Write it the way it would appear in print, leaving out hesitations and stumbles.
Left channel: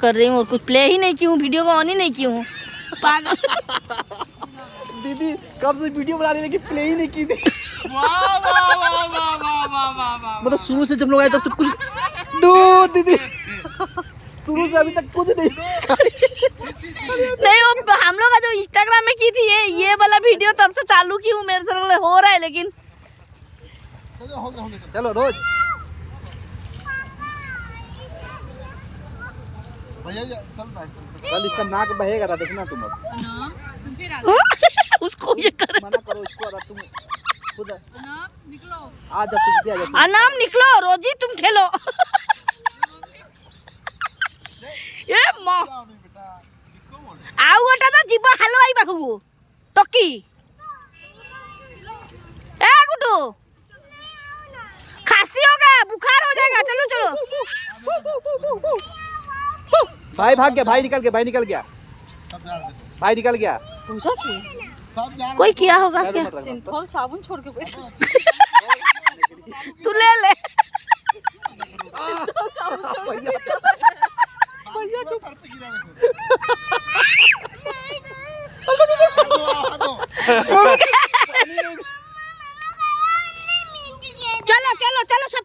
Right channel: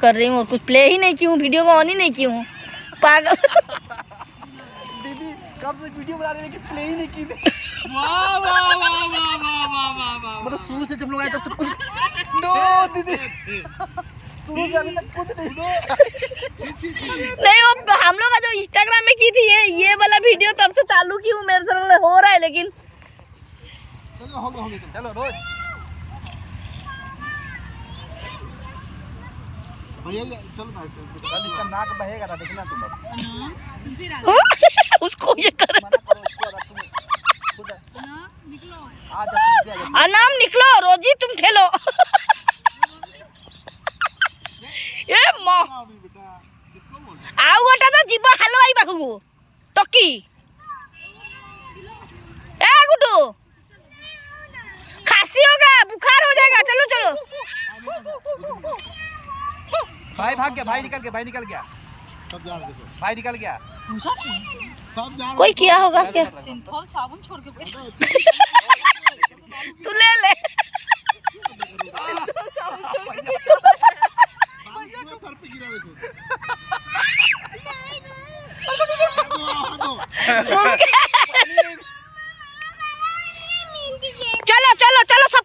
कर रही हूँ और कुछ प्ले ही नहीं की हूँ, वीडियो को ऑन ही नहीं की हूँ। पागल दीदी कब से वीडियो बना रही लेकिन प्ले ही नहीं की थी। वाह वाह वाह वाह वाह वाह वाह वाह। मतलब शुरू से जब लोग आए तब से कुछ दूर दीदी शुरू से अभी तक कुछ नहीं थे। नहीं वो हम लोग का जो इंस्टाग्राम में की थी ये वाला वीडियो तब से चालू की हूँ, मेरे से हो रहा है लेकिन चलो रोज भैया चल कल इसका नाक बहेगा ना, देखना तुम उसको ये कर मना करो इसको, तुम खुद आ जा तुम अनाम निकलो रोजी तुम खेलो। ये माँ आओ गोटा तो जीवा हलवाई पाखु टकी ए गुड्डू खांसी होगा, बुखार हो जाएगा, चलो चलो। भाई भाग गया, भाई निकल गया, भाई निकल गया, भाई निकल गया। कोई किया होगा क्या? सिंथॉल साबुन छोड़ के तू ले ले। चलो चलो चलो सब